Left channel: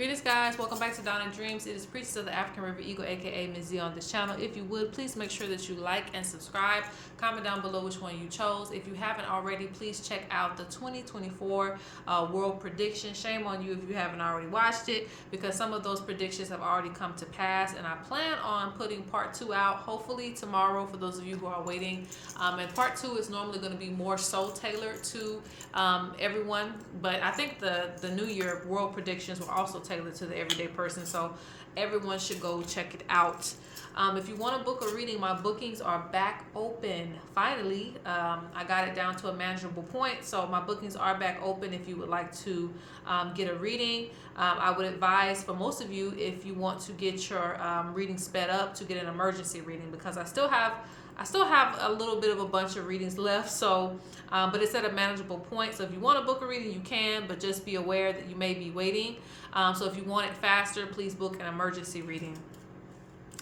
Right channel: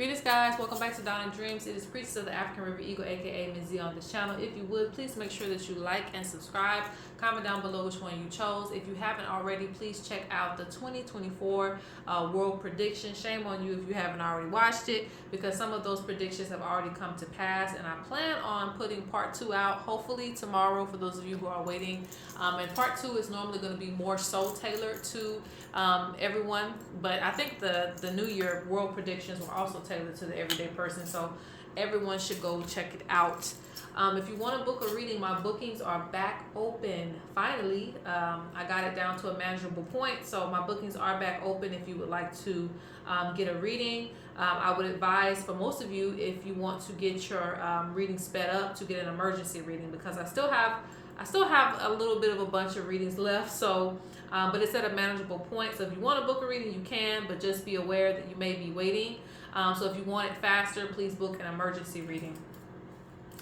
Greetings, guys. Welcome back to Dawn and Dreams. It is Priestess of the African River Eagle, aka Ms.Z, on this channel. If you would, please make sure that you like and subscribe. Comment down below which one you chose. If you haven't already, please check out the 2024 World Prediction. Shame on you if you haven't already watched it, because some of those predictions have already come to pass. And I plan on putting part 2 out, hopefully tomorrow, for those of you who are waiting. And part 2 is normally going to be more so tailored to everyone, but I think the New Year World Predictions were also tailored to the everyday person, so everyone should go check it out. If you want to book a reading, my bookings are back open. Finally, I got it down to a manageable point, so my bookings are back open if you would like to get a reading. I would advise for most of you, if you want to get your reading sped up, to get an emergency reading, because I still have a little bit of a bunch of readings left, so but it's at a manageable point. So if you want to book a reading, you can, but just be aware that you may be waiting. So if you want it faster, please book an emergency reading.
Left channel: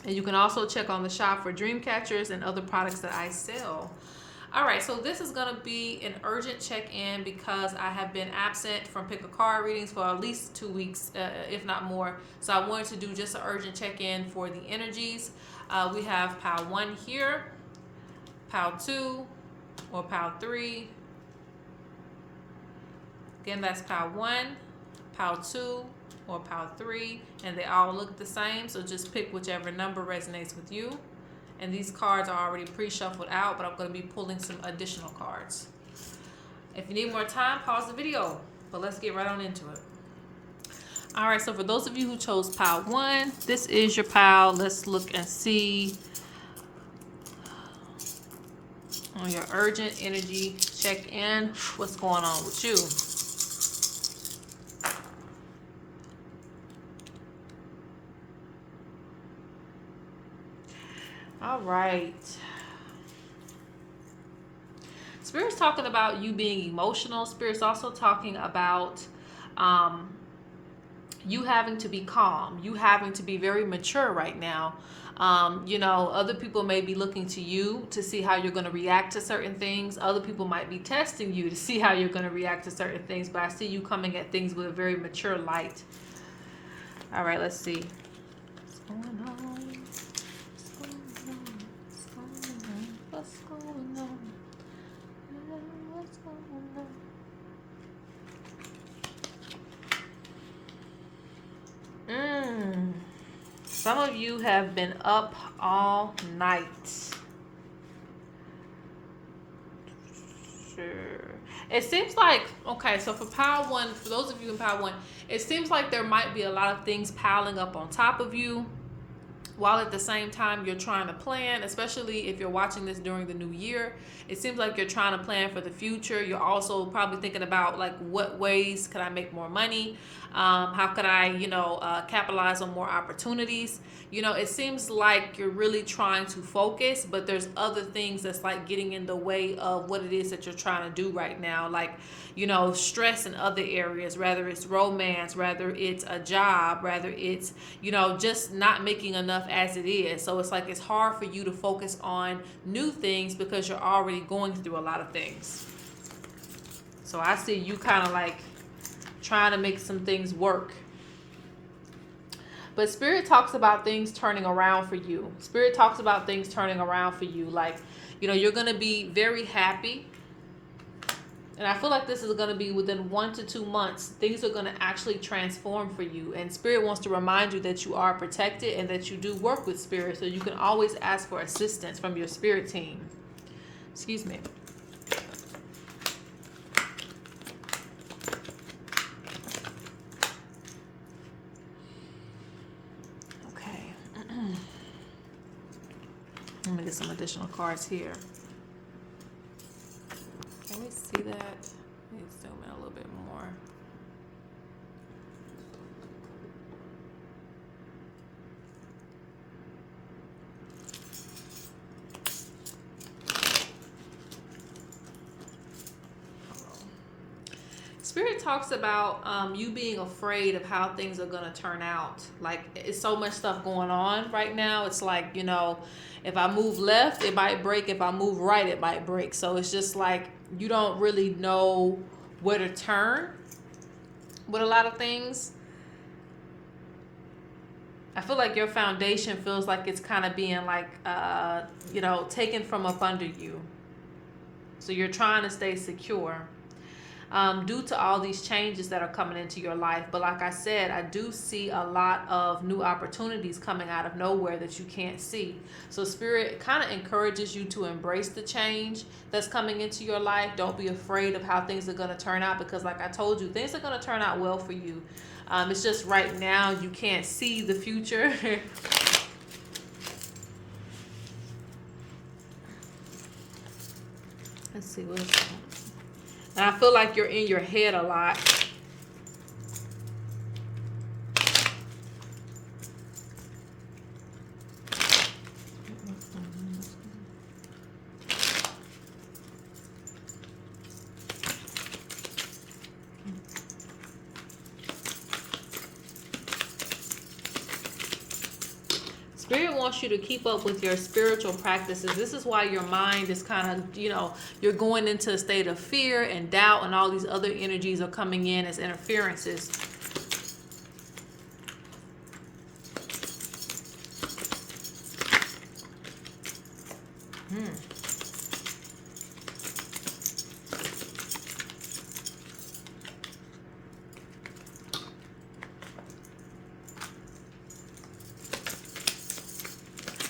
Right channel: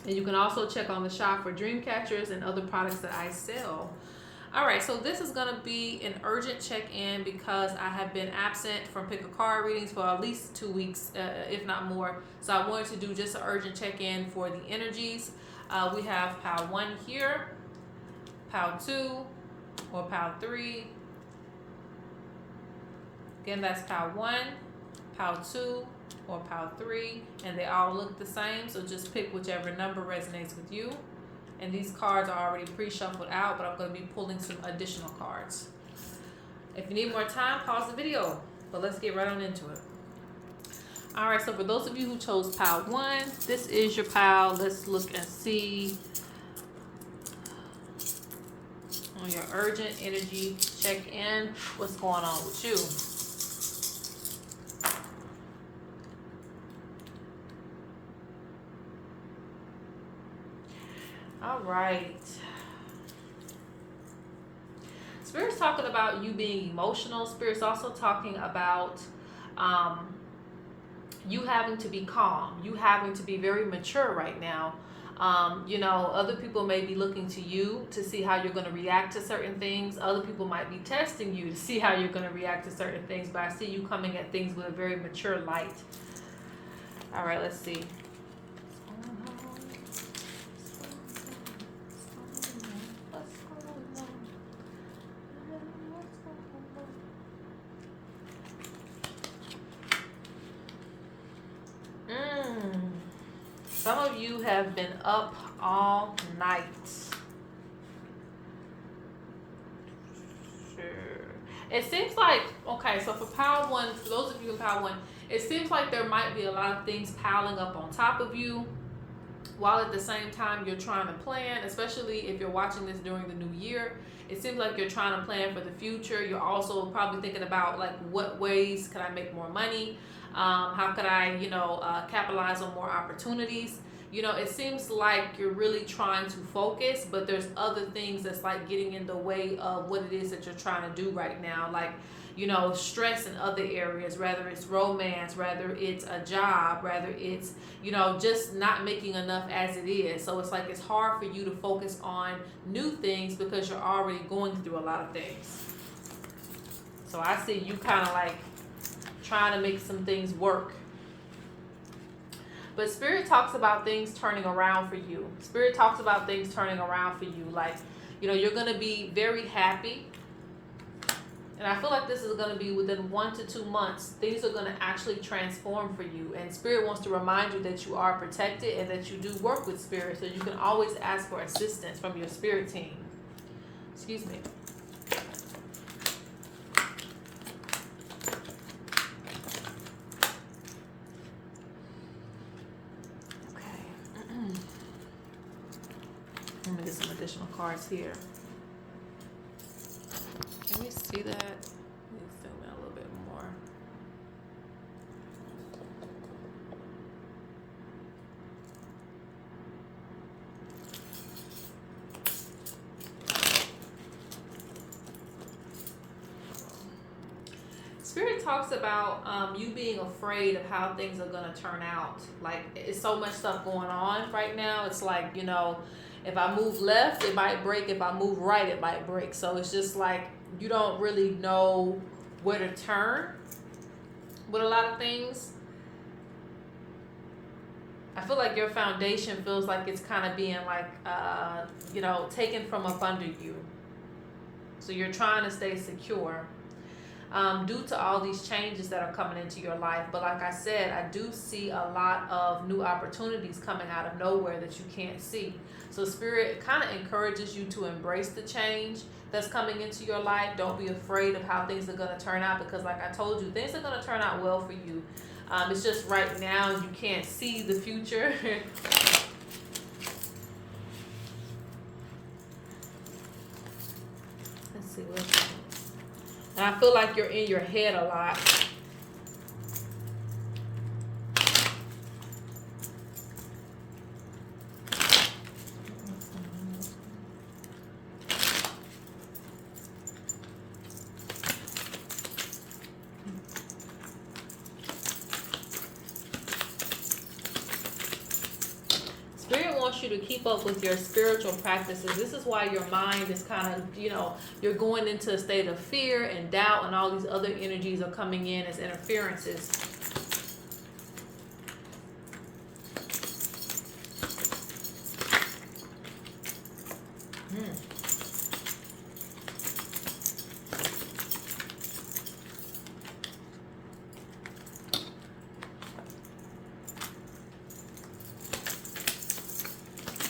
And you can also check on the shop for Dreamcatchers and other products that I sell. All right, so this is going to be an urgent check-in because I have been absent from pick a card readings for at least 2 weeks, if not more. So I wanted to do just an urgent check-in for the energies. We have pile 1 here, pile 2, or pile 3. Again, that's pile 1, pile 2, or pile 3, and they all look the same, so just pick whichever number resonates with you. And these cards are already pre-shuffled out, but I'm going to be pulling some additional cards. If you need more time, pause the video, but let's get right on into it. All right, so for those of you who chose pile 1, this is your pile. Let's look and see on your urgent energy check-in what's going on with you. All right. Spirit's talking about you being emotional. Spirit's also talking about you having to be calm. You having to be very mature right now. Other people may be looking to you to see how you're going to react to certain things. Other people might be testing you to see how you're going to react to certain things. But I see you coming at things with a very mature light. All right, let's see. Some of you have been up all night. Sure. It seems like, okay, so for pile 1, for those of you in pile 1, it seems like there might be a lot of things piling up on top of you, while at the same time you're trying to plan, especially if you're watching this during the new year. It seems like you're trying to plan for the future. You're also probably thinking about, like, what ways could I make more money? How can I, capitalize on more opportunities? It seems like you're really trying to focus, but there's other things that's like getting in the way of what it is that you're trying to do right now. Like, stress in other areas, whether it's romance, whether it's a job, whether it's, just not making enough as it is. So it's like it's hard for you to focus on new things because you're already going through a lot of things. So I see you kind of like trying to make some things work. But Spirit talks about things turning around for you. Spirit talks about things turning around for you. Like, you're going to be very happy. And I feel like this is going to be within 1 to 2 months. Things are going to actually transform for you. And Spirit wants to remind you that you are protected and that you do work with Spirit. So you can always ask for assistance from your Spirit team. Excuse me. Let me get some additional cards here. Can we see that? Let me zoom in a little bit more. Spirit talks about you being afraid of how things are going to turn out. Like, it's so much stuff going on right now. It's like, if I move left, it might break. If I move right, it might break. So it's just like you don't really know where to turn with a lot of things. I feel like your foundation feels like it's kind of being like, you know, taken from up under you. So you're trying to stay secure due to all these changes that are coming into your life. But like I said, I do see a lot of new opportunities coming out of nowhere that you can't see. So Spirit kind of encourages you to embrace the change that's coming into your life. Don't be afraid of how things are going to turn out, because like I told you, things are going to turn out well for you. It's just right now you can't see the future. Let's see what's. And I feel like you're in your head a lot. Spirit wants you to keep up with your spiritual practices. This is why your mind is kind of, you know, you're going into a state of fear and doubt, and all these other energies are coming in as interferences.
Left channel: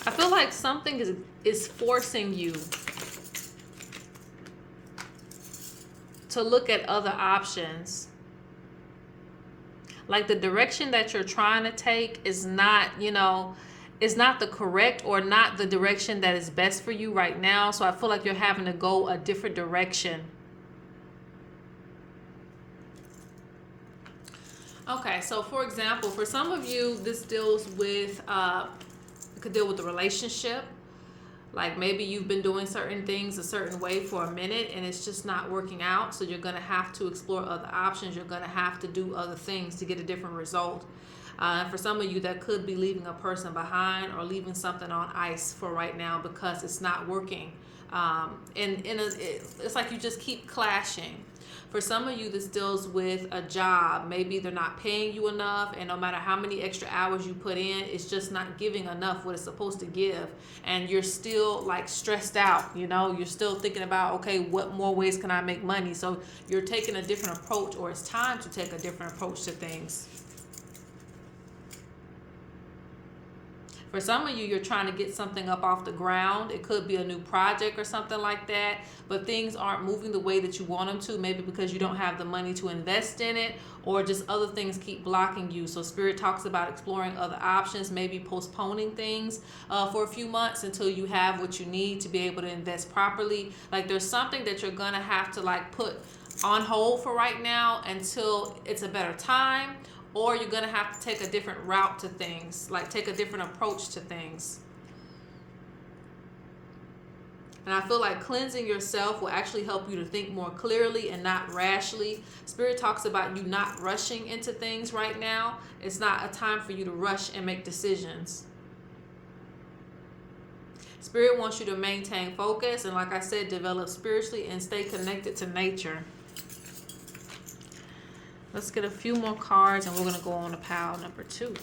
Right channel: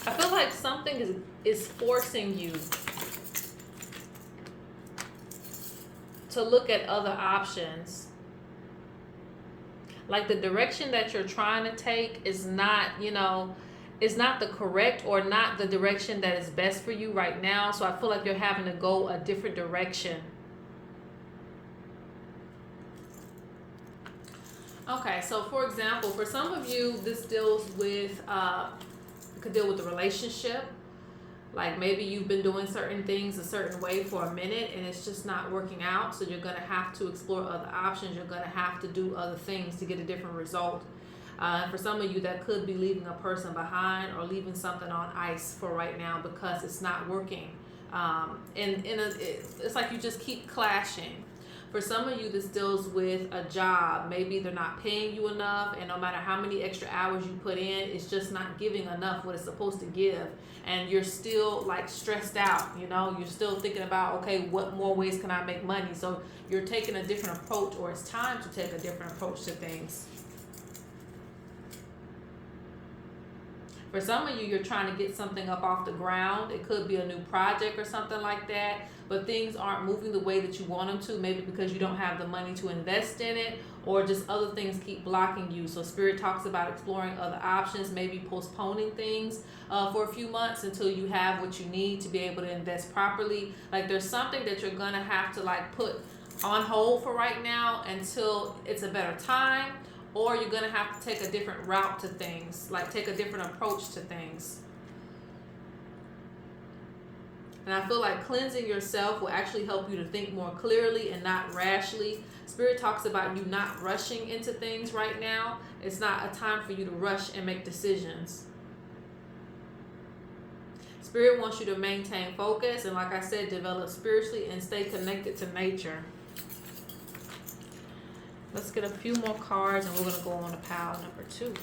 I feel like something is forcing you to look at other options. Like the direction that you're trying to take is not, you know, is not the correct or not the direction that is best for you right now. So I feel like you're having to go a different direction. Okay, so for example, for some of you, this deals with, it could deal with the relationship. Like maybe you've been doing certain things a certain way for a minute and it's just not working out. So you're going to have to explore other options. You're going to have to do other things to get a different result. For some of you, that could be leaving a person behind or leaving something on ice for right now because it's not working. It's like you just keep clashing. For some of you, this deals with a job. Maybe they're not paying you enough, and no matter how many extra hours you put in, it's just not giving enough what it's supposed to give. And you're still like stressed out, you know, you're still thinking about, okay, what more ways can I make money? So you're taking a different approach, or it's time to take a different approach to things. For some of you, you're trying to get something up off the ground. It could be a new project or something like that, but things aren't moving the way that you want them to, maybe because you don't have the money to invest in it, or just other things keep blocking you. So Spirit talks about exploring other options, maybe postponing things for a few months until you have what you need to be able to invest properly. Like there's something that you're going to have to like put on hold for right now until it's a better time. Or you're going to have to take a different route to things, like take a different approach to things. And I feel like cleansing yourself will actually help you to think more clearly and not rashly. Spirit talks about you not rushing into things right now. It's not a time for you to rush and make decisions. Spirit wants you to maintain focus and, like I said, develop spiritually and stay connected to nature. Let's get a few more cards and we're going to go on to pile number 2.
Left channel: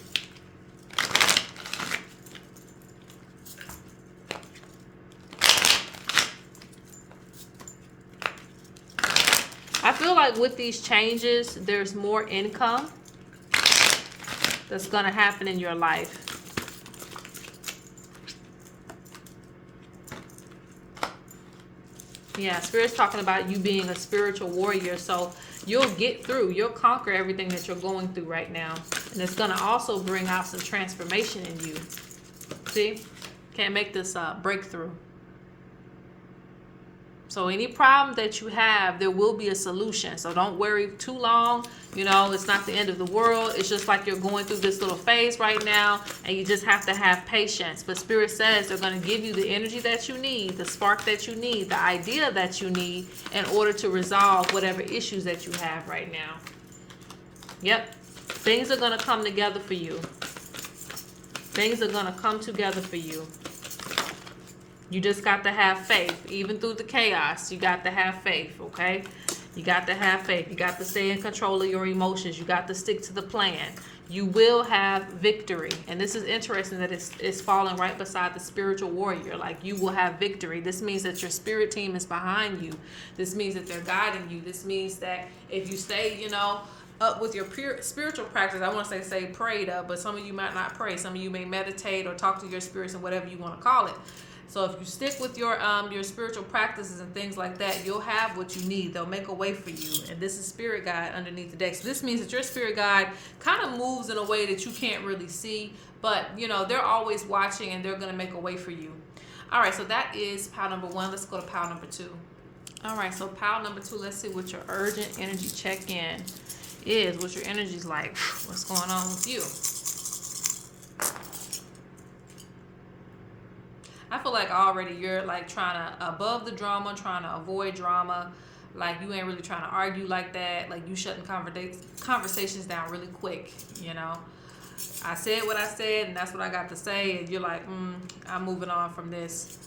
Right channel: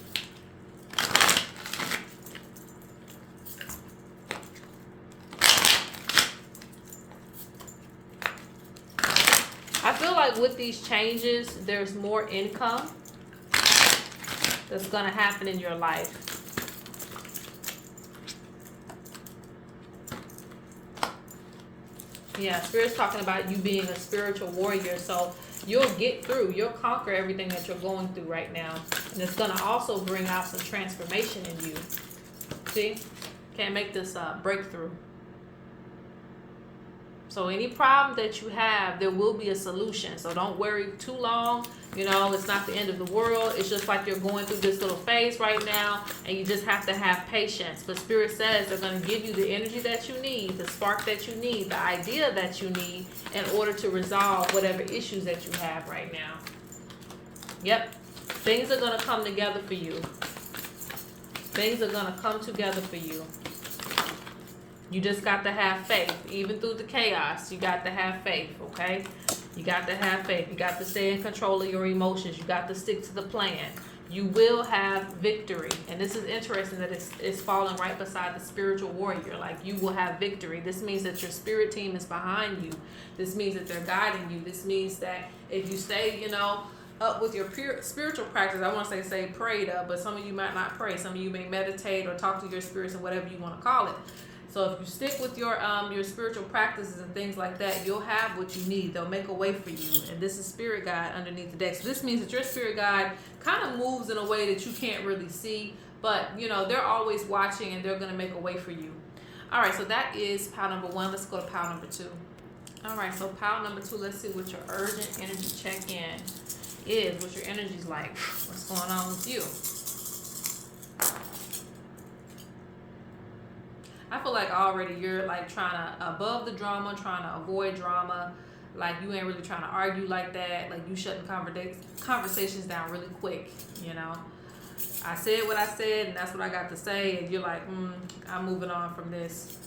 I feel like with these changes, there's more income that's going to happen in your life. Yeah, Spirit's talking about you being a spiritual warrior. So you'll get through, you'll conquer everything that you're going through right now. And it's going to also bring out some transformation in you. See? Can't make this breakthrough. So any problem that you have, there will be a solution. So don't worry too long. You know, it's not the end of the world. It's just like you're going through this little phase right now, and you just have to have patience. But Spirit says they're going to give you the energy that you need, the spark that you need, the idea that you need in order to resolve whatever issues that you have right now. Yep. Things are going to come together for you. Things are going to come together for you. You just got to have faith. Even through the chaos, you got to have faith, okay? You got to have faith. You got to stay in control of your emotions. You got to stick to the plan. You will have victory. And this is interesting that it's falling right beside the spiritual warrior. Like, you will have victory. This means that your spirit team is behind you. This means that they're guiding you. This means that if you stay, up with your spiritual practice, I want to say prayed up, but some of you might not pray. Some of you may meditate or talk to your spirits and whatever you want to call it. So if you stick with your spiritual practices and things like that, you'll have what you need. They'll make a way for you. And this is spirit guide underneath the deck. So this means that your spirit guide kind of moves in a way that you can't really see, but they're always watching and they're going to make a way for you. All right, so that is pile number 1. Let's go to pile number 2. All right, so pile number 2, let's see what your urgent energy check-in is, what your energy's like. What's going on with you? I feel like already you're like trying to above the drama, trying to avoid drama. Like, you ain't really trying to argue like that. Like, you shutting conversations down really quick. I said what I said, and that's what I got to say. And you're like, I'm moving on from this.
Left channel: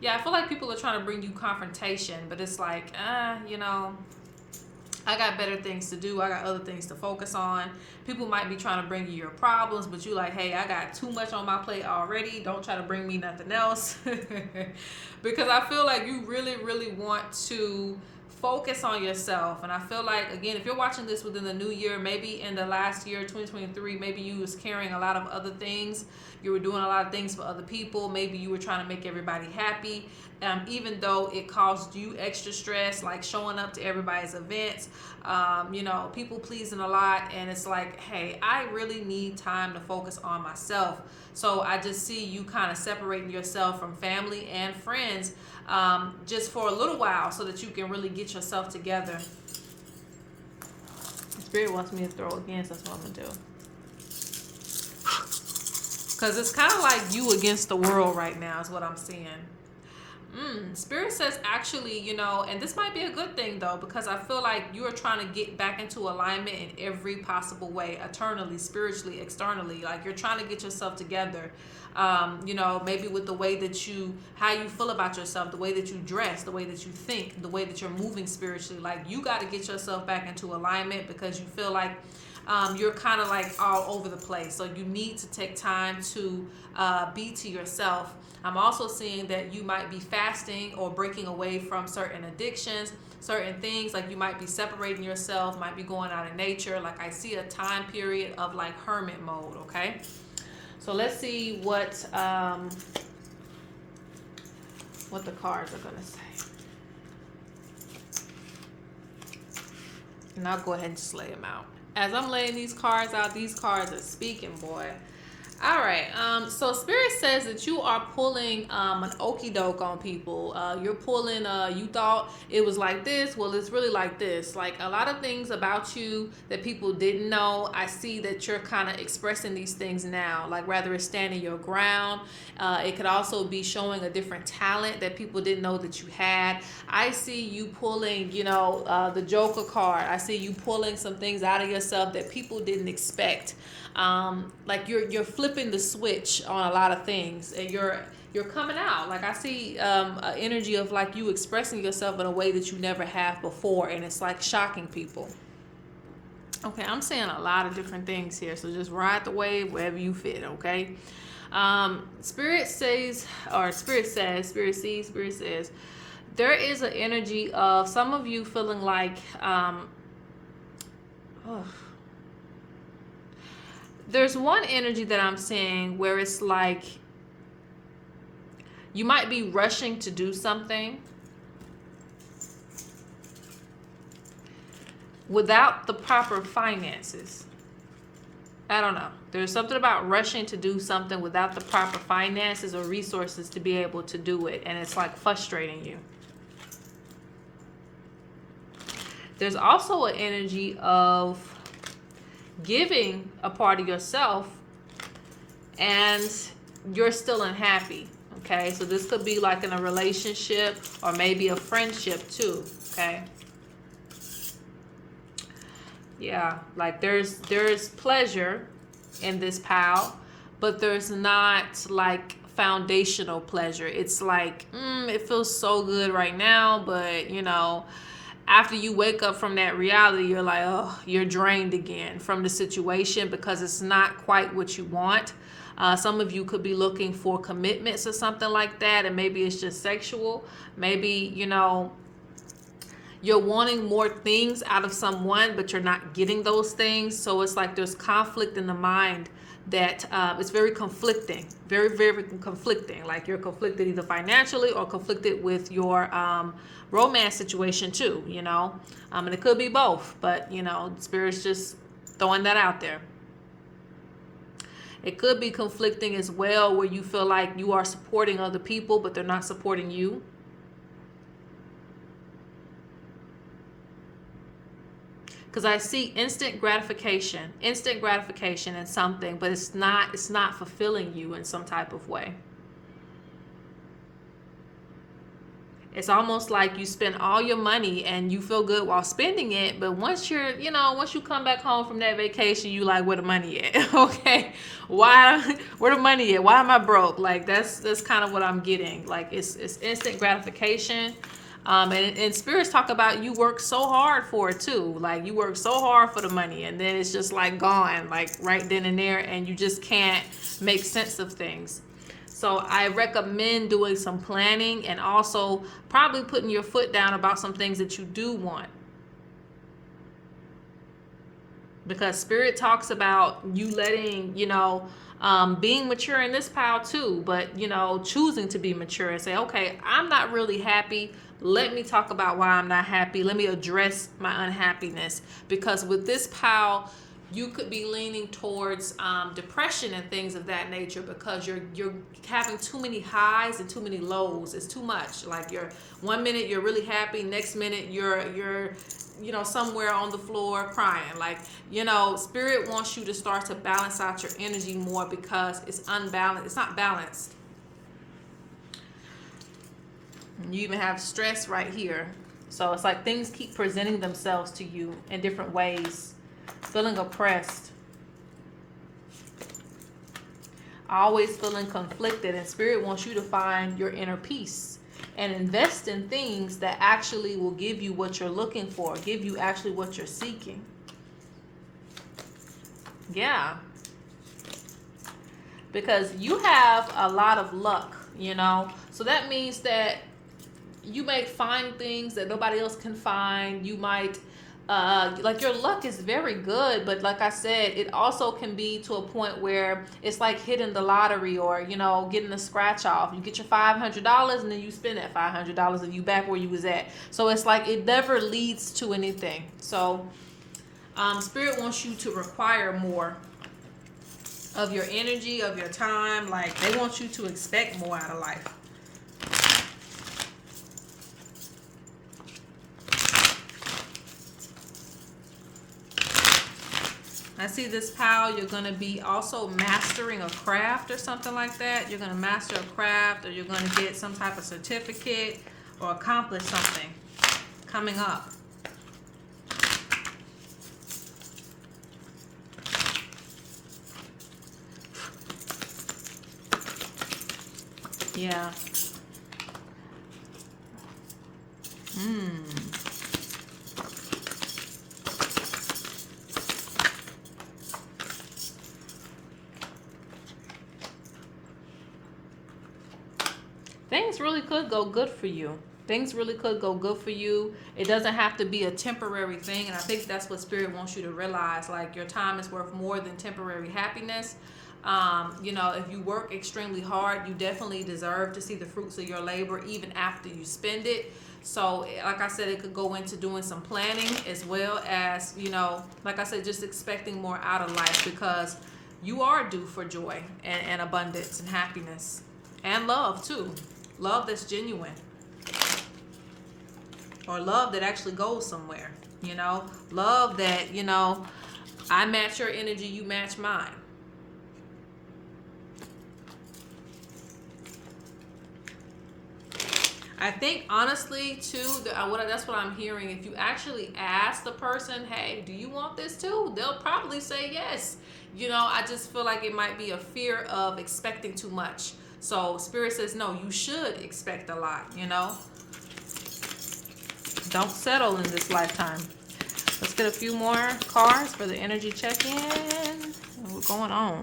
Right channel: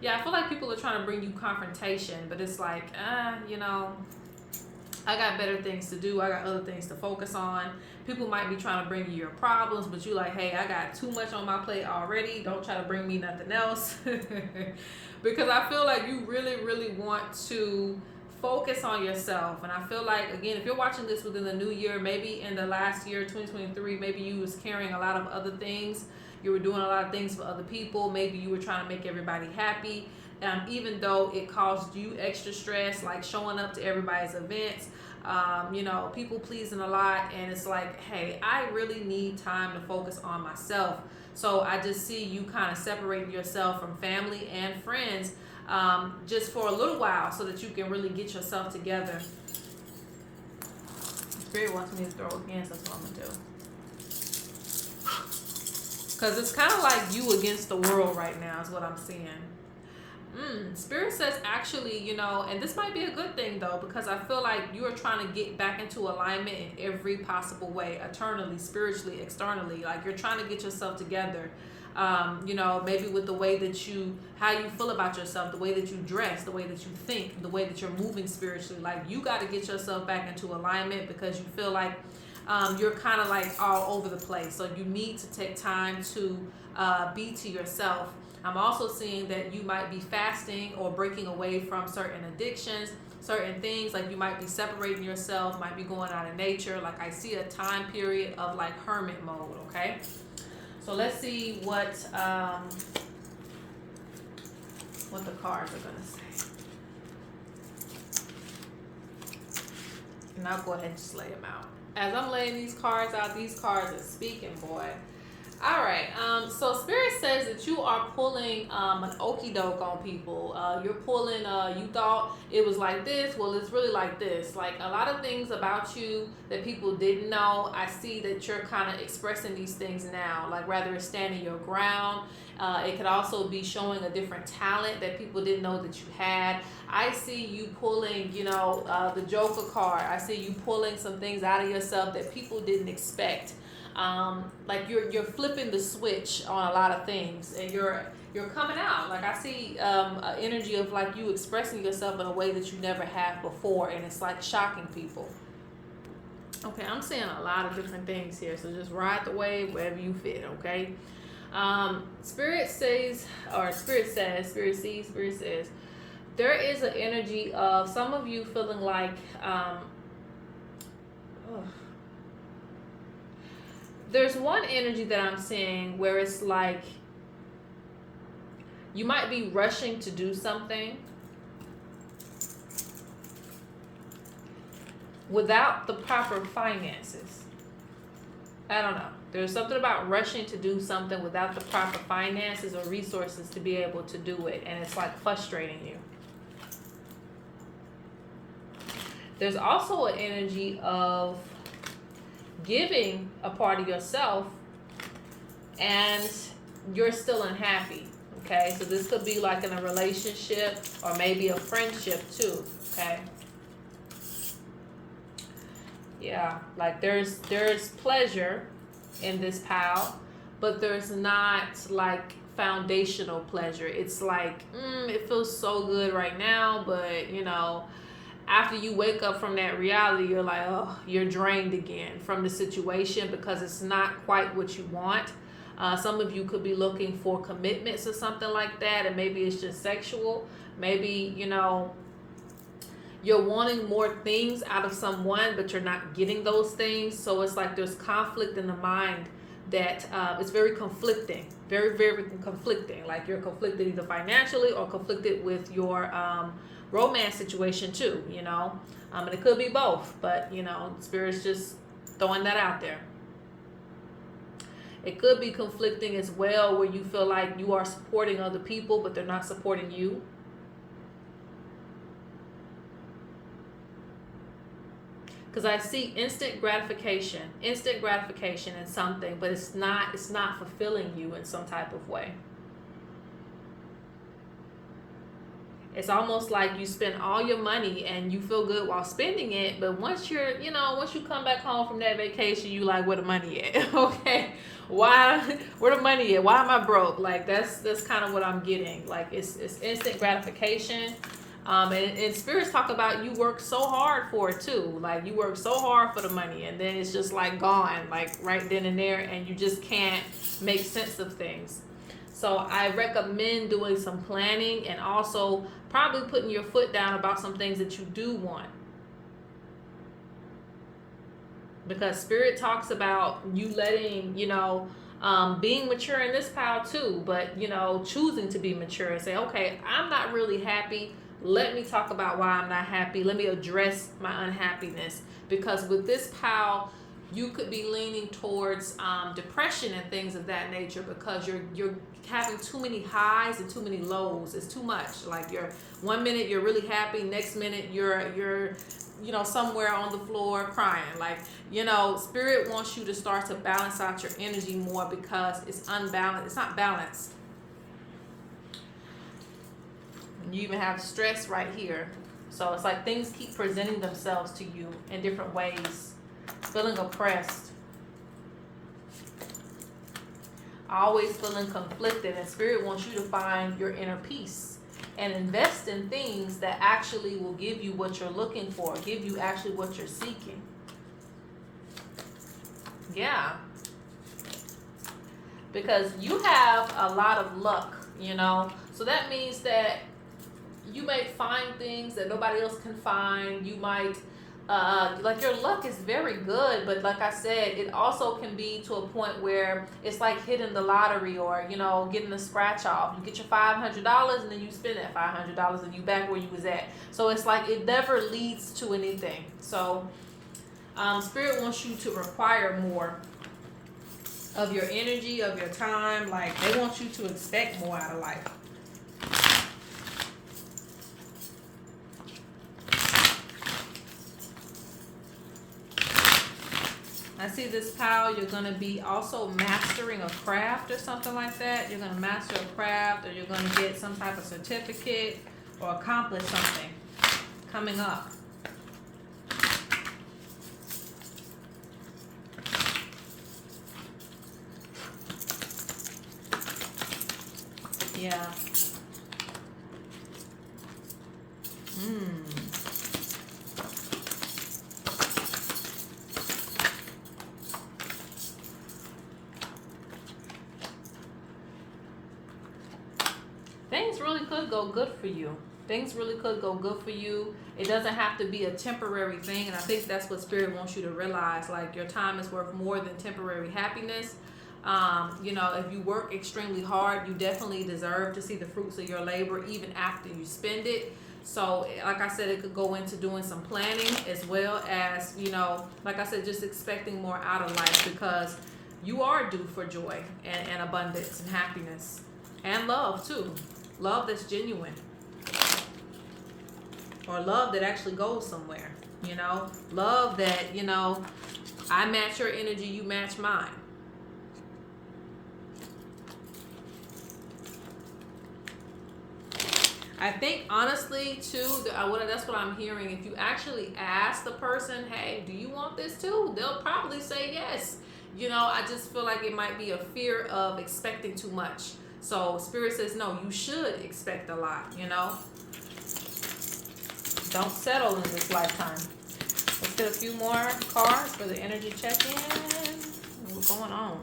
Yeah, I feel like people are trying to bring you confrontation, but it's like, I got better things to do. I got other things to focus on. People might be trying to bring you your problems, but you're like, hey, I got too much on my plate already. Don't try to bring me nothing else. Because I feel like you really, really want to focus on yourself. And I feel like, again, if you're watching this within the new year, maybe in the last year, 2023, maybe you was carrying a lot of other things. You were doing a lot of things for other people. Maybe you were trying to make everybody happy. Even though it caused you extra stress, like showing up to everybody's events, people pleasing a lot. And it's like, hey, I really need time to focus on myself. So I just see you kind of separating yourself from family and friends just for a little while so that you can really get yourself together. Spirit wants me to throw again, so that's what I'm going to do. Because it's kind of like you against the world right now is what I'm seeing. Spirit says actually, and this might be a good thing though, because I feel like you are trying to get back into alignment in every possible way, eternally, spiritually, externally. Like, you're trying to get yourself together. Maybe with the way that how you feel about yourself, the way that you dress, the way that you think, the way that you're moving spiritually. Like, you got to get yourself back into alignment because you feel like you're kind of like all over the place. So you need to take time to be to yourself. I'm also seeing that you might be fasting or breaking away from certain addictions, certain things. Like, you might be separating yourself, might be going out in nature. Like, I see a time period of like hermit mode, okay? So let's see what the cards are gonna say. And I'll go ahead and just lay them out. As I'm laying these cards out, these cards are speaking, boy. All right, so Spirit says that you are pulling an okie doke on people. You're pulling, you thought it was like this, well, it's really like this. Like, a lot of things about you that people didn't know. I see that you're kind of expressing these things now, like rather it's standing your ground. It could also be showing a different talent that people didn't know that you had. I see you pulling, the Joker card. I see you pulling some things out of yourself that people didn't expect. Like you're flipping the switch on a lot of things, and you're coming out. Like, I see an energy of like you expressing yourself in a way that you never have before, and it's like shocking people. Okay, I'm saying a lot of different things here, so just ride the wave wherever you fit. Okay. Spirit says there is an energy of some of you feeling like there's one energy that I'm seeing where it's like you might be rushing to do something without the proper finances. I don't know. There's something about rushing to do something without the proper finances or resources to be able to do it, and it's like frustrating you. There's also an energy of giving a part of yourself and you're still unhappy. Okay, so this could be like in a relationship or maybe a friendship too. Okay, yeah, like there's pleasure in this pile, but there's not like foundational pleasure. It's like it feels so good right now, but after you wake up from that reality, you're like, oh, you're drained again from the situation because it's not quite what you want. Some of you could be looking for commitments or something like that, and maybe it's just sexual. Maybe, you're wanting more things out of someone, but you're not getting those things. So it's like there's conflict in the mind that it's very conflicting, very, very conflicting. Like you're conflicted either financially or conflicted with your romance situation too, and it could be both, but Spirit's just throwing that out there. It could be conflicting as well, where you feel like you are supporting other people, but they're not supporting you. Because I see instant gratification in something, but it's not fulfilling you in some type of way. It's almost like you spend all your money and you feel good while spending it, but once you come back home from that vacation, you like, where the money at? Okay, where the money at? Why am I broke? Like that's kind of what I'm getting. Like it's instant gratification. And spirits talk about you work so hard for it too. Like you work so hard for the money, and then it's just like gone, like right then and there, and you just can't make sense of things. So I recommend doing some planning and also probably putting your foot down about some things that you do want. Because Spirit talks about you letting, being mature in this pile too, but, choosing to be mature and say, okay, I'm not really happy. Let me talk about why I'm not happy. Let me address my unhappiness. Because with this pile, you could be leaning towards depression and things of that nature, because you're having too many highs and too many lows. It's too much. Like you're 1 minute you're really happy, next minute you're somewhere on the floor crying. Like Spirit wants you to start to balance out your energy more, because it's unbalanced. It's not balanced. You even have stress right here. So it's like things keep presenting themselves to you in different ways. Feeling oppressed, always feeling conflicted, and Spirit wants you to find your inner peace and invest in things that actually will give you what you're looking for, give you actually what you're seeking. Yeah, because you have a lot of luck, so that means that you may find things that nobody else can find. You might like your luck is very good, but like I said, it also can be to a point where it's like hitting the lottery, or getting a scratch off. You get your $500 and then you spend that $500 and you back where you was at. So it's like it never leads to anything. So Spirit wants you to require more of your energy, of your time. Like they want you to expect more out of life. I see this pile, you're going to be also mastering a craft or something like that. You're going to master a craft, or you're going to get some type of certificate or accomplish something coming up. Yeah. Things really could go good for you. Things really could go good for you. It doesn't have to be a temporary thing. And I think that's what Spirit wants you to realize. Like your time is worth more than temporary happiness. If you work extremely hard, you definitely deserve to see the fruits of your labor even after you spend it. So like I said, it could go into doing some planning, as well as, like I said, just expecting more out of life, because you are due for joy and abundance and happiness and love too. Love that's genuine, or love that actually goes somewhere. Love that, I match your energy, you match mine. I think honestly too, that's what I'm hearing. If you actually ask the person, hey, do you want this too? They'll probably say yes. I just feel like it might be a fear of expecting too much. So Spirit says, no, you should expect a lot, Don't settle in this lifetime. Let's get a few more cards for the energy check-in. What's going on?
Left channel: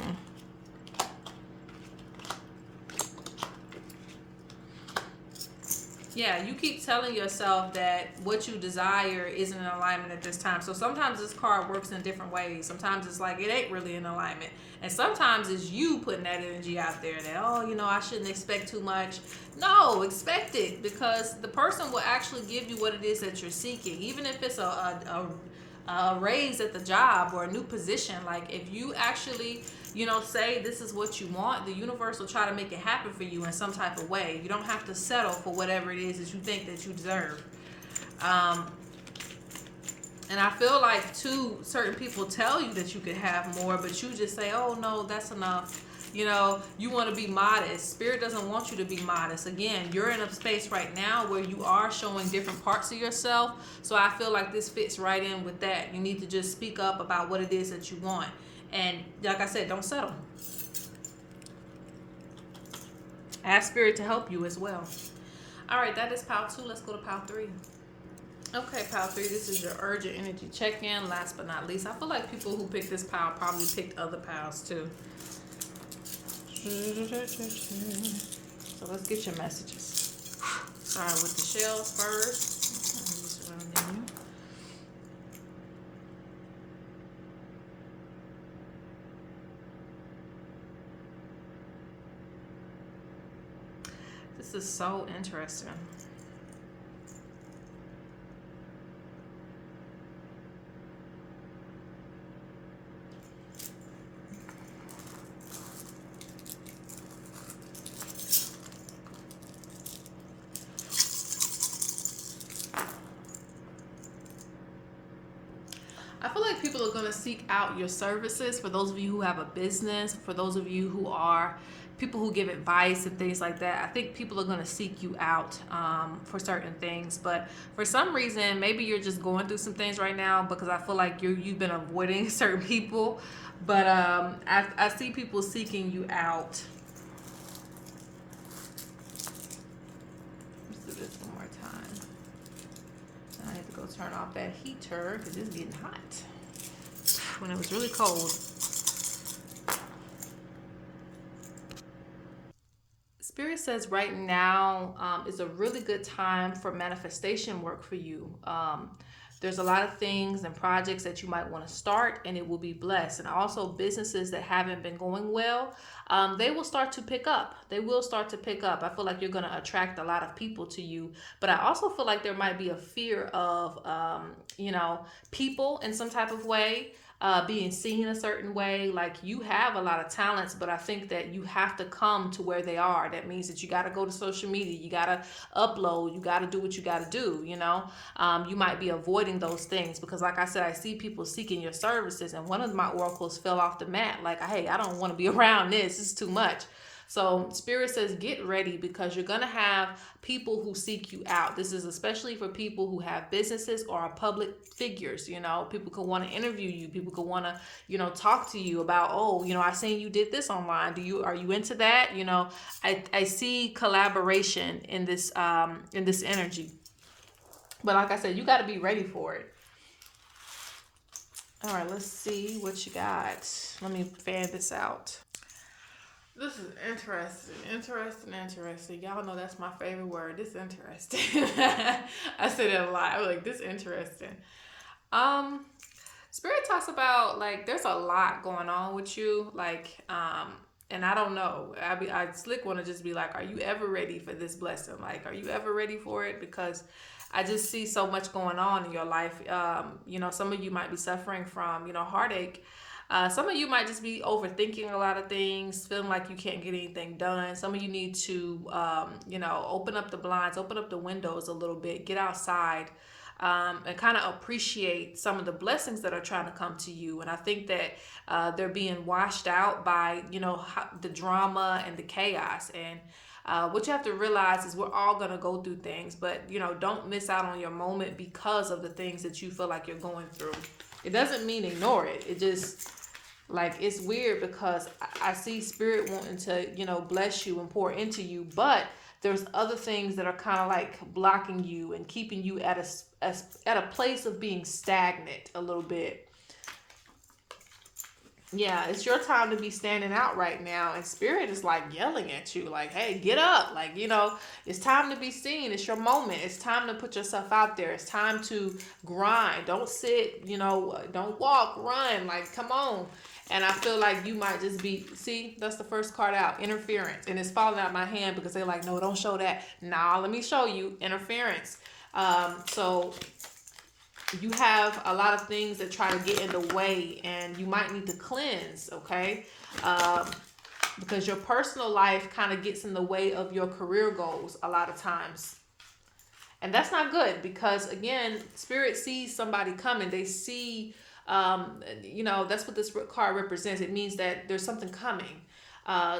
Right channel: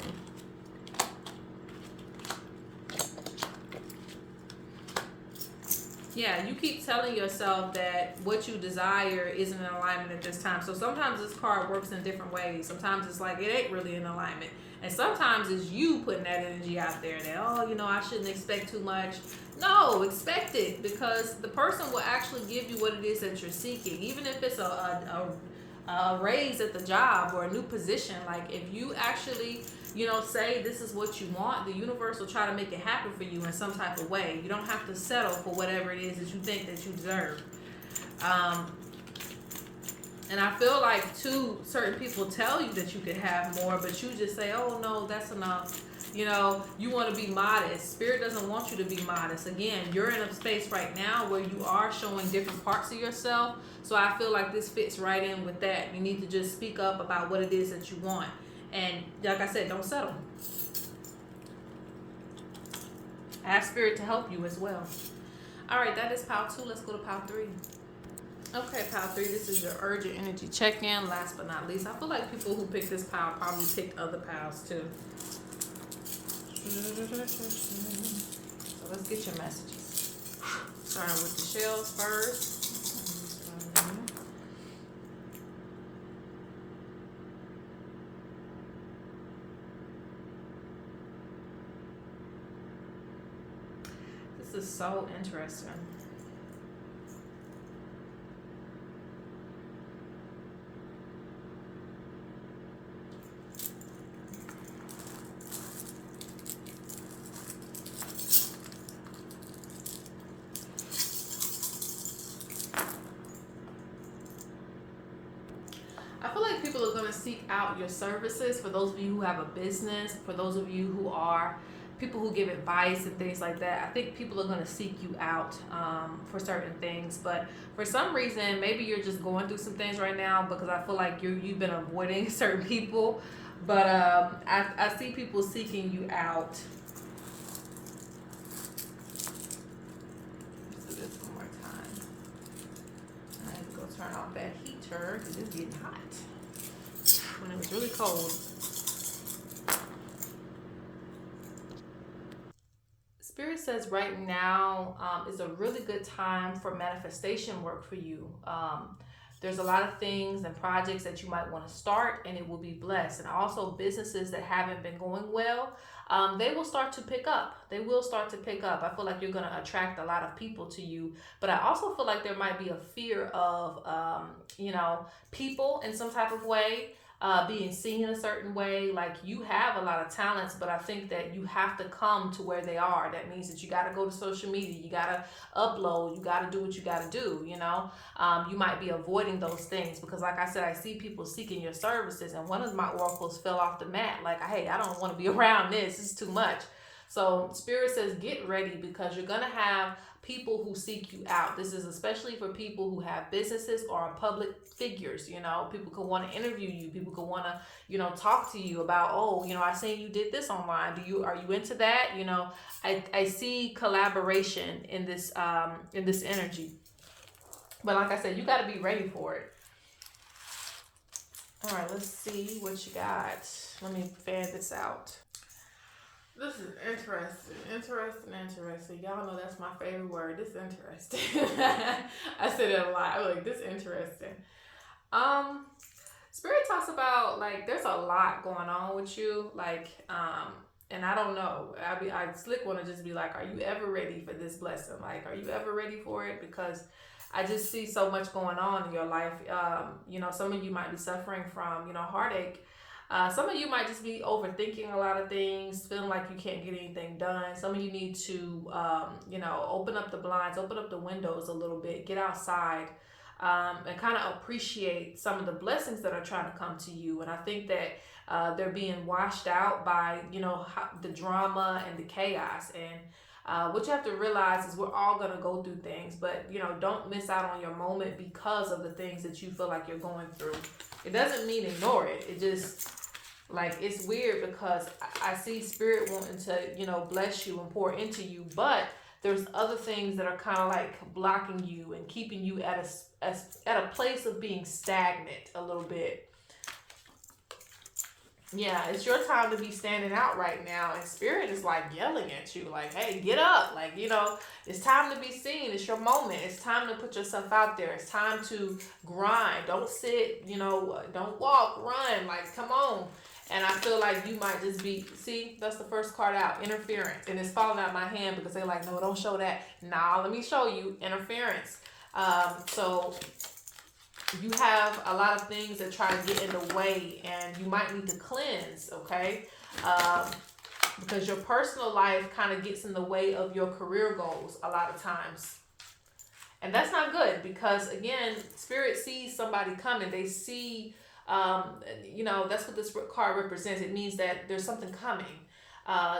Yeah, you keep telling yourself that what you desire isn't in alignment at this time. So sometimes this card works in different ways. Sometimes it's like it ain't really in alignment. And sometimes it's you putting that energy out there that, oh, you know, I shouldn't expect too much. No, expect it, because the person will actually give you what it is that you're seeking. Even if it's a raise at the job or a new position. Like if you actually, you know, say this is what you want, the universe will try to make it happen for you in some type of way. You don't have to settle for whatever it is that you think that you deserve. And I feel like too, certain people tell you that you could have more, but you just say, oh no, that's enough. You know, you want to be modest. Spirit doesn't want you to be modest. Again, you're in a space right now where you are showing different parts of yourself. So I feel like this fits right in with that. You need to just speak up about what it is that you want. And like I said, don't settle. Ask Spirit to help you as well. All right, that is pile 2. Let's go to pile 3. Okay, pile 3, this is your urgent energy check-in. Last but not least, I feel like people who picked this pile probably picked other piles too. So let's get your messages. Start with the shells first. This is so interesting. I feel like people are going to seek out your services. For those of you who have a business, for those of you who are people who give advice and things like that, I think people are going to seek you out for certain things. But for some reason, maybe you're just going through some things right now, because I feel like you've been avoiding certain people. But I see people seeking you out. Let's do this one more time. I need to go turn off that heater because it's getting hot when it was really cold. Spirit says right now is a really good time for manifestation work for you. There's a lot of things and projects that you might want to start, and it will be blessed. And also businesses that haven't been going well, they will start to pick up. They will start to pick up. I feel like you're going to attract a lot of people to you. But I also feel like there might be a fear of, people in some type of way. Being seen a certain way. Like you have a lot of talents, but I think that you have to come to where they are. That means that you got to go to social media, you got to upload, you got to do what you got to do. You might be avoiding those things because, like I said, I see people seeking your services, and one of my oracles fell off the mat. Like, hey, I don't want to be around this. This is too much. So Spirit says get ready, because you're going to have people who seek you out. This is especially for people who have businesses or are public figures. People could want to interview you. People could want to, talk to you about, I seen you did this online. Are you into that? I see collaboration in this energy. But like I said, you got to be ready for it. All right, let's see what you got. Let me fan this out. This is interesting. Y'all know that's my favorite word. This interesting. I say that a lot. I'm like, this interesting. Spirit talks about, like, there's a lot going on with you. Like, and I don't know. I slick want to just be like, are you ever ready for this blessing? Like, are you ever ready for it? Because I just see so much going on in your life. Some of you might be suffering from, heartache. Some of you might just be overthinking a lot of things, feeling like you can't get anything done. Some of you need to, open up the blinds, open up the windows a little bit, get outside, and kind of appreciate some of the blessings that are trying to come to you. And I think that they're being washed out by, the drama and the chaos. And what you have to realize is we're all going to go through things, but, don't miss out on your moment because of the things that you feel like you're going through. It doesn't mean ignore it. It just, like, it's weird because I see Spirit wanting to, bless you and pour into you, but there's other things that are kind of like blocking you and keeping you at a place of being stagnant a little bit. Yeah, it's your time to be standing out right now. And Spirit is like yelling at you, like, hey, get up. Like, you know, it's time to be seen. It's your moment. It's time to put yourself out there. It's time to grind. Don't sit, you know, don't walk, run. Like, come on. And I feel like you might just be, see, that's the first card out, interference. And it's falling out my hand because they're like, no, don't show that. Nah, let me show you interference. So you have a lot of things that try to get in the way, and you might need to cleanse, okay? Because your personal life kind of gets in the way of your career goals a lot of times. And that's not good because, again, Spirit sees somebody coming. They see, you know, that's what this card represents. It means that there's something coming.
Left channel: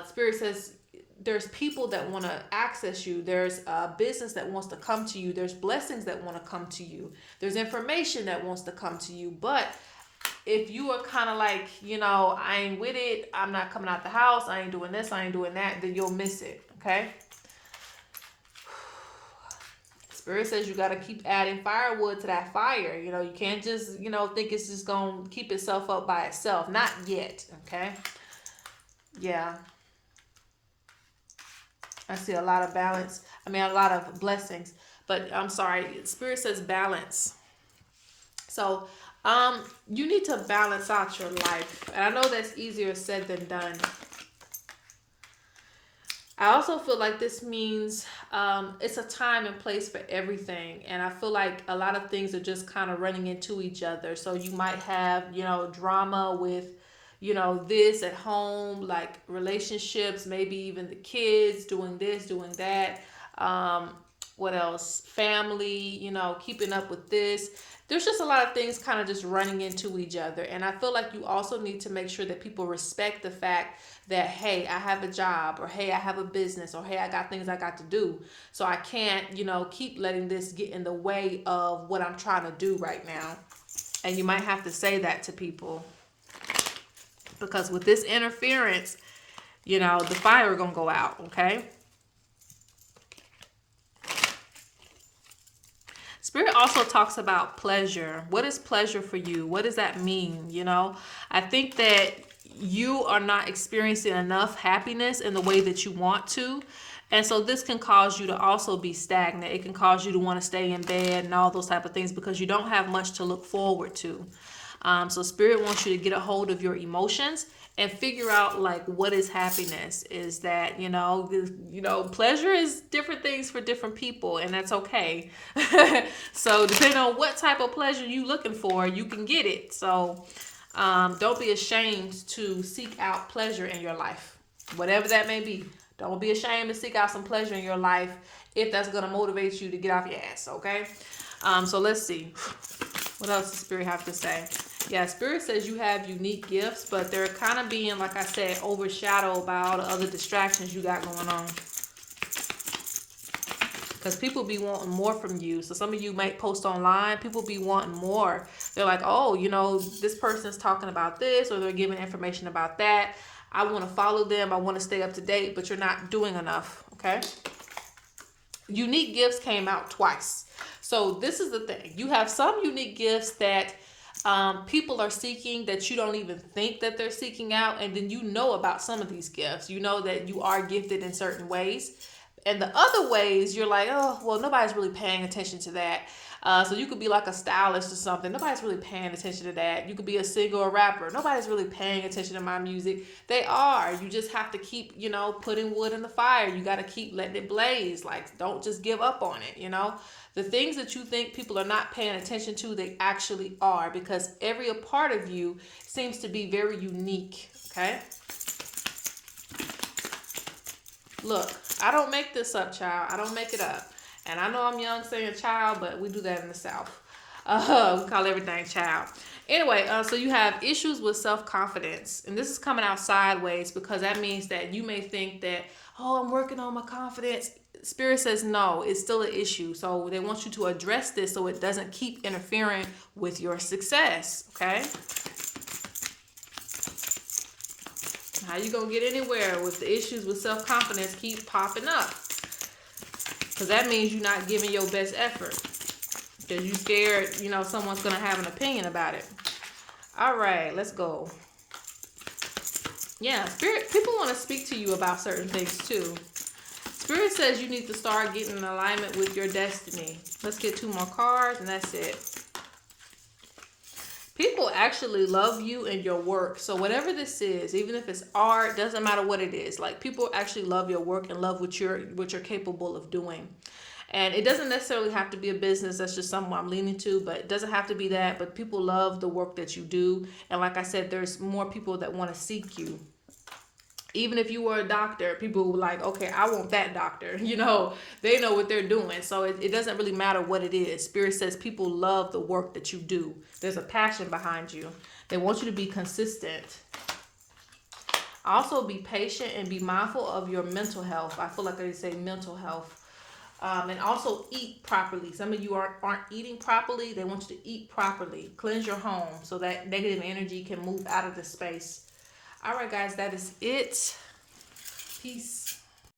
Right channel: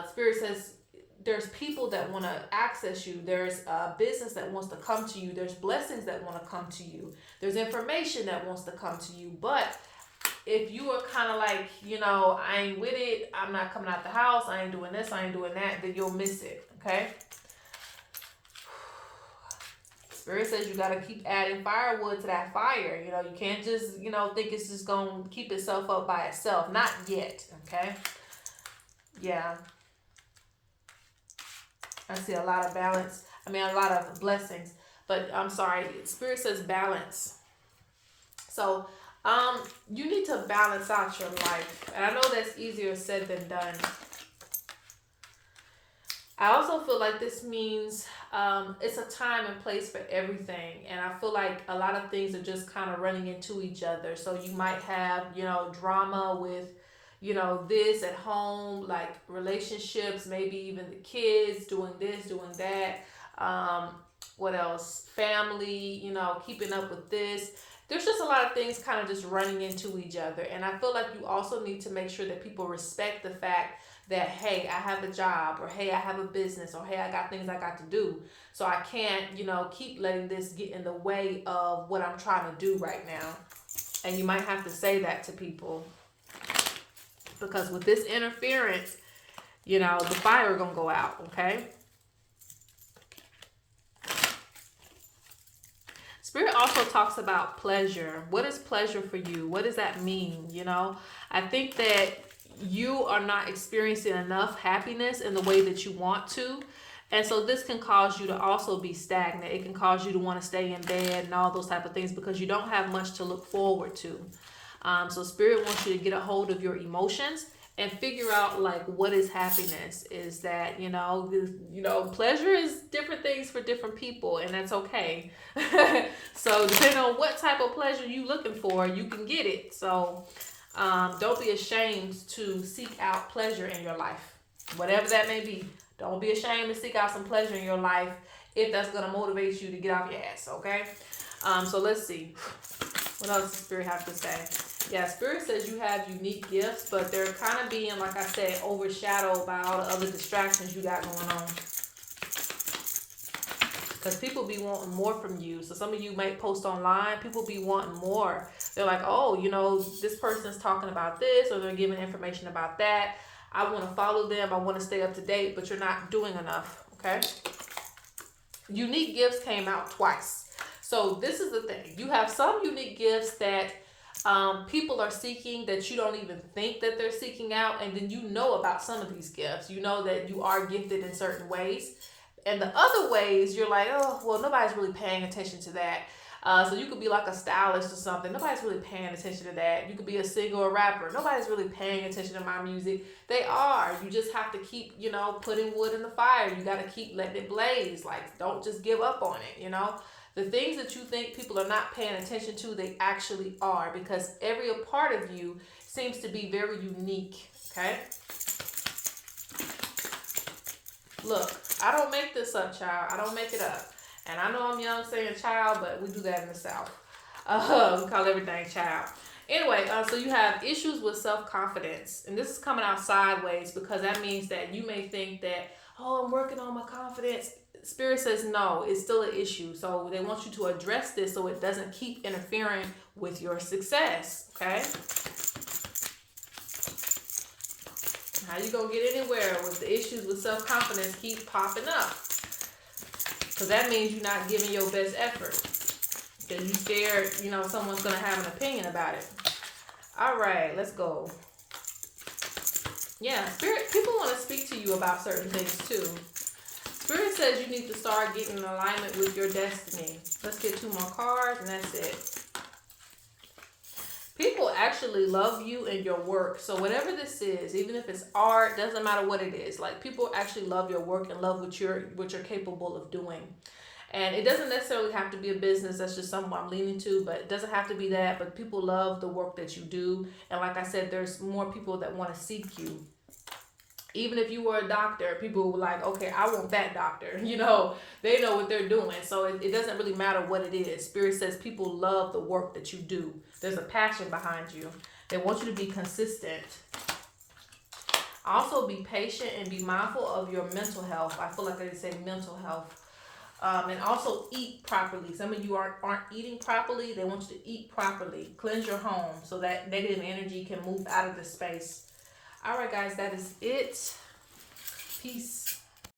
Spirit says, there's people that want to access you. There's a business that wants to come to you. There's blessings that want to come to you. There's information that wants to come to you. But if you are kind of like, you know, I ain't with it, I'm not coming out the house, I ain't doing this, I ain't doing that, then you'll miss it, okay? Spirit says you got to keep adding firewood to that fire. You know, you can't just, you know, think it's just going to keep itself up by itself. Not yet, okay? Yeah. I see a lot of balance. I mean, a lot of blessings. But I'm sorry, Spirit says balance. So, you need to balance out your life. And I know that's easier said than done. I also feel like this means it's a time and place for everything. And I feel like a lot of things are just kind of running into each other. So you might have, you know, drama with, you know, this at home, like relationships, maybe even the kids doing this, doing that. What else? Family, you know, keeping up with this. There's just a lot of things kind of just running into each other. And I feel like you also need to make sure that people respect the fact that, hey, I have a job, or hey, I have a business, or hey, I got things I got to do. So I can't, you know, keep letting this get in the way of what I'm trying to do right now. And you might have to say that to people. Because with this interference, you know, the fire gonna go out, okay? Spirit also talks about pleasure. What is pleasure for you? What does that mean? You know, I think that you are not experiencing enough happiness in the way that you want to. And so this can cause you to also be stagnant. It can cause you to want to stay in bed and all those type of things because you don't have much to look forward to. So Spirit wants you to get a hold of your emotions and figure out like what is happiness. Is that, you know, pleasure is different things for different people, and that's okay. So depending on what type of pleasure you looking for, you can get it. So don't be ashamed to seek out pleasure in your life, whatever that may be. Don't be ashamed to seek out some pleasure in your life if that's going to motivate you to get off your ass, okay? So let's see. What else does Spirit have to say? Yeah, Spirit says you have unique gifts, but they're kind of being, like I said, overshadowed by all the other distractions you got going on. Because people be wanting more from you. So some of you might post online. People be wanting more. They're like, oh, you know, this person's talking about this, or they're giving information about that. I want to follow them. I want to stay up to date, but you're not doing enough, okay? Unique gifts came out twice. So this is the thing. You have some unique gifts that people are seeking that you don't even think that they're seeking out. And then you know about some of these gifts. You know that you are gifted in certain ways. And the other ways, you're like, oh, well, nobody's really paying attention to that. So you could be like a stylist or something. Nobody's really paying attention to that. You could be a singer or rapper. Nobody's really paying attention to my music. They are. You just have to keep, you know, putting wood in the fire. You got to keep letting it blaze. Like, don't just give up on it, you know. The things that you think people are not paying attention to, they actually are, because every part of you seems to be very unique, okay? Look, I don't make this up, child. I don't make it up. And I know I'm young saying child, but we do that in the South. We call everything child. Anyway, so you have issues with self-confidence. And this is coming out sideways because that means that you may think that, oh, I'm working on my confidence. Spirit says no, it's still an issue. So they want you to address this so it doesn't keep interfering with your success, okay? How you gonna get anywhere with the issues with self-confidence keep popping up? Because that means you're not giving your best effort. Because you're scared, you know, someone's going to have an opinion about it. All right, let's go. Yeah, Spirit, people want to speak to you about certain things too. Spirit says you need to start getting in alignment with your destiny. Let's get 2 more cards and that's it. People actually love you and your work. So whatever this is, even if it's art, doesn't matter what it is. Like, people actually love your work and love what you're capable of doing. And it doesn't necessarily have to be a business. That's just something I'm leaning to, but it doesn't have to be that. But people love the work that you do. And like I said, there's more people that want to seek you. Even if you were a doctor, people were like, okay, I want that doctor. You know, they know what they're doing. So it doesn't really matter what it is. Spirit says people love the work that you do. There's a passion behind you. They want you to be consistent. Also, be patient and be mindful of your mental health. I feel like I say mental health. And also eat properly. Some of you aren't eating properly. They want you to eat properly. Cleanse your home so that negative energy can move out of the space. All right, guys, that is it. Peace.